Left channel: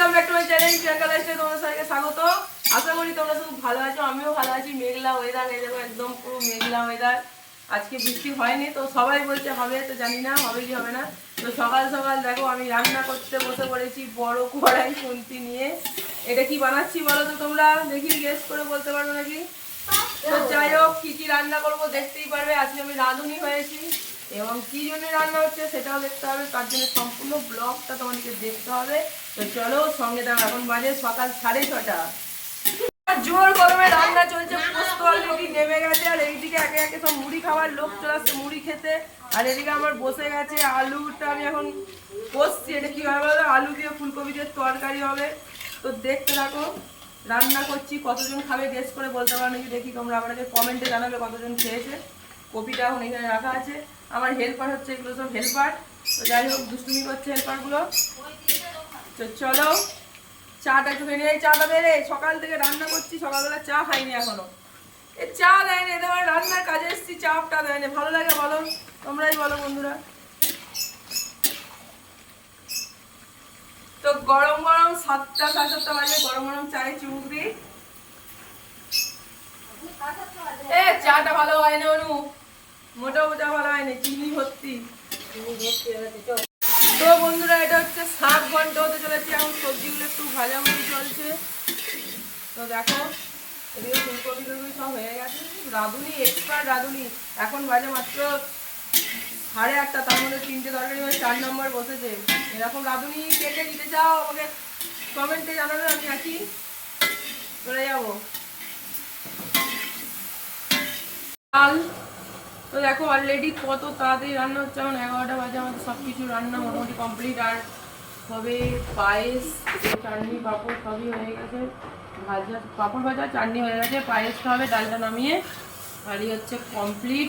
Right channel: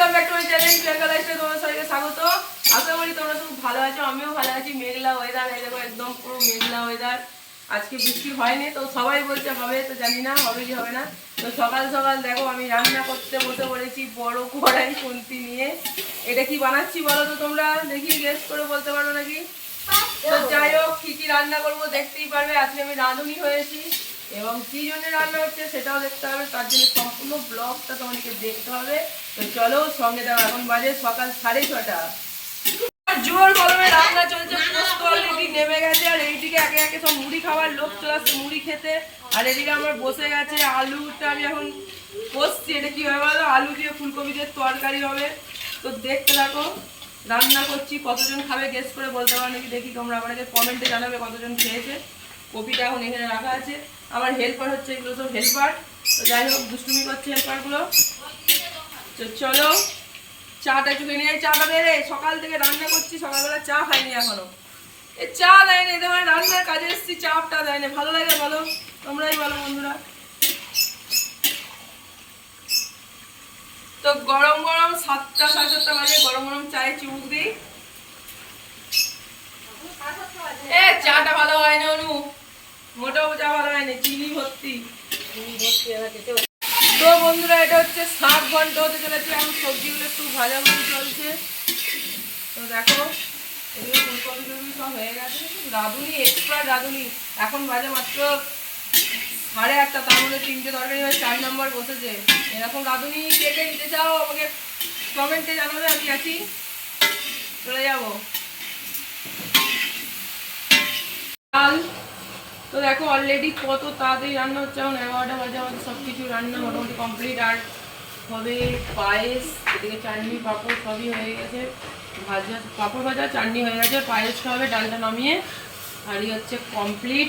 Welcome back to my channel Priyanka লাইফে তোমার সবাইকে স্বাগত। আশা করি তোমরা খুব ভালো আছো, আমিও ভালো আছি। মেঘলা ওয়েদার এই দেখো একদম পুরো মেঘলা ওয়েদার আজকে বৃষ্টি হয়নি, তো সবাই বলছে হবে, তো জানি না হবে কি হবে না। তো সকাল সকাল দেখো আমি রান্না করতে বসে পড়েছি বড় কড়াই খুন্তি নিয়ে। এটা কি বানাচ্ছি বলো তো তোমরা? দেখি গেস করে বলতে পারো নাকি? তো যাই হোক, কি কি রান্না করব দেখতেই পারবে। আজকে আমি রাঁধুনি হয়েছি। এবং কি জন্য রান্না হচ্ছে সেটাও দেখতে হবে। তার জন্য সম্পূর্ণ ব্লগটা তোমাদেরকে দেখতে হবে। তো চলো, সঙ্গে দেখো এখন বাজে সকাল সাড়ে ছটা। জোর গরমে রান্না চলছে, পোস্ত নেমে গেছে। আর এইদিকে একে একে সব মুড়ি খাবার লোক চলে আসছে মুড়ি খেতে। আর এদিকে আমার বসে গেছে আলুটা আমি এখন কষছি। এটা কি হবে বলো? আলু দিয়ে ফুলকপি দিয়ে তরকারি হবে। তো দেখতে থাকো, রান্না করছি। কতজন খাবে গেস করে বলতে পারো নাকি? দেখি তোমরা আমাকে কমেন্টে জানাবে কতজন খেয়েছে। কপিটা এখন এখানে রাখা আছে। আমার হেল্পার হচ্ছে এগুলো সব হেল্পার তো যাই হোক দুষ্টুমি করছে হেল্পারগুলো তো চলো চাটা খেয়ে নিয়ে আয়, চাটা রে। সকাল থেকে রান্না করছি সকালবেলা চা খাইনি এখনও। এ চা দেয়নি এদের মানে রান্নার কাজে এসেছি চাপটা দেয়নি ভালো লাগে বলো তোমরাই বলো বন্ধুরা। তো গরম গরম সাতটা সাড়ে সাতটা বাজে গরম গরম চায়ে চুমুক দিই। এ চাটা ভালো হয় না অনু? মোটাও ভালো হয়নি চিনি ভর্তি। তো বন্ধুরা এটা হচ্ছে সাত ঘণ্টা হতে চলেছে এখন সবজিগুলো একটু ভাজা ভাজি চলছে। তো দেখো এদিকে ফুলকপি টুলকপি সব হয়ে গেছে। রাঁধুনি এক্সপার্ট রাঁধুনি এখন বাজে মাত্র সাড়ে আটটা তার মধ্যে তিনটে তরকারি হয়ে চার নম্বর বসেছে। এরকম রাঁধুনি কে কে নিতে চাও আমাকে কমেন্টে জানাবে আমি আছি। চলে যাব। ডাল তো দেখো অলরেডি কত তাড়াতাড়ি রান্না হচ্ছে। এখন এগারোটা বাজে, আমাদের সব কিছু রান্না মোটামুটি কমপ্লিট আর হবে পায়েস চাটনি, পাঁপড় সবই হয়ে গেছে। ভাজা, পাঁপড় ভাজা, চাটনি হয়ে গেছে। পায়েসটা হবে ডালটা নামিয়ে হাঁড়ি হচ্ছে কমপ্লিট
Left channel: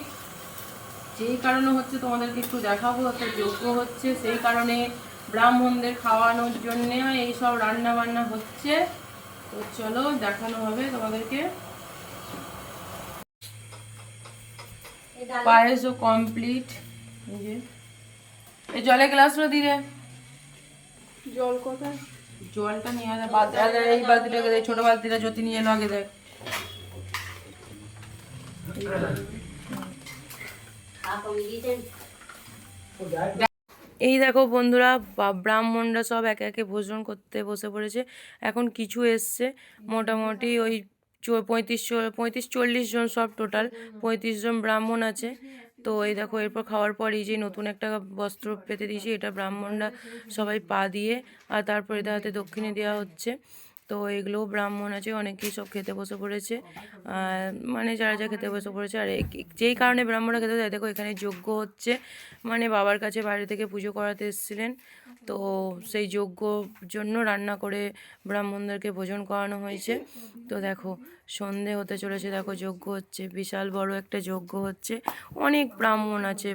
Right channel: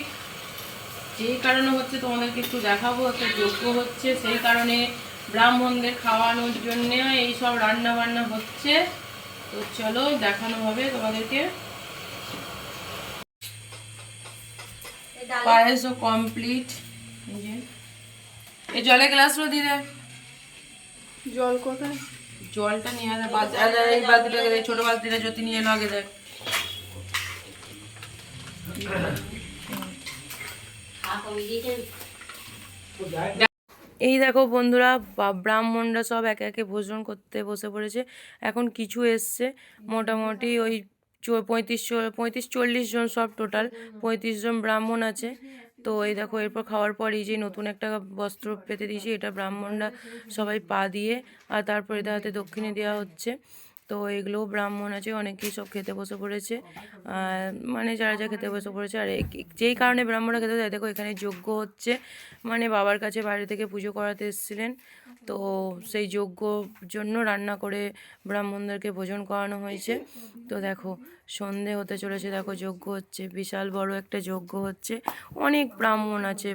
যেই কারণে হচ্ছে তোমাদেরকে একটু দেখাবো, একটা যোগ্য হচ্ছে। সেই কারণে ব্রাহ্মণদের খাওয়ানোর জন্য এই সব রান্না বান্না হচ্ছে। তো চলো দেখানো হবে তোমাদেরকে। পায়েসও কমপ্লিট এই যে এই জলের গ্লাসগুলো দিলে জল কোথায় জলটা নিয়ে আয় বাদ- এই বালতিটাকে দে ছোট বালতিটা যদি নিয়ে এলো আগে দেয় এই দেখো বন্ধুরা বা- ব্রাহ্মণরা সব একে একে ভোজন করতে বসে পড়েছে। এখন কিছু এসছে মোটামুটি ওই পঁয়ত্রিশ পঁয়ত্রিশ চল্লিশ জন সব টোটাল পঁয়ত্রিশ জন ব্রাহ্মণ আছে। তো এই দেখো, এরপর খাওয়ার পর এই যে নতুন একটা বস্ত্র পেতে দিয়েছি, এটা ব্রাহ্মণরা সবাই পা দিয়ে, আর তারপরে হাতে দক্ষিণে দেওয়া হচ্ছে। তো এগুলোও ব্রাহ্মণ আছে, অনেকেই সব খেতে বসে পড়েছে। মানে যারা যা খেতে বসে পড়েছে, আর যেই কারণে ব্রাহ্মণরা খেতে যায় দেখো এখানে যজ্ঞ হচ্ছে। মানে বাবার কাছে বাইরে থেকে পুজো করাতে এসেছিলেন। তো সেই যজ্ঞর জন্য রান্না করে ব্রাহ্মণদেরকে ভোজন করানো হয়েছে। তো দেখো, সন্ধে হতে চলেছে, দেখো যজ্ঞ হচ্ছে, বিশাল বড় একটা যজ্ঞ হচ্ছে। অনেক ব্রাহ্মণ আছে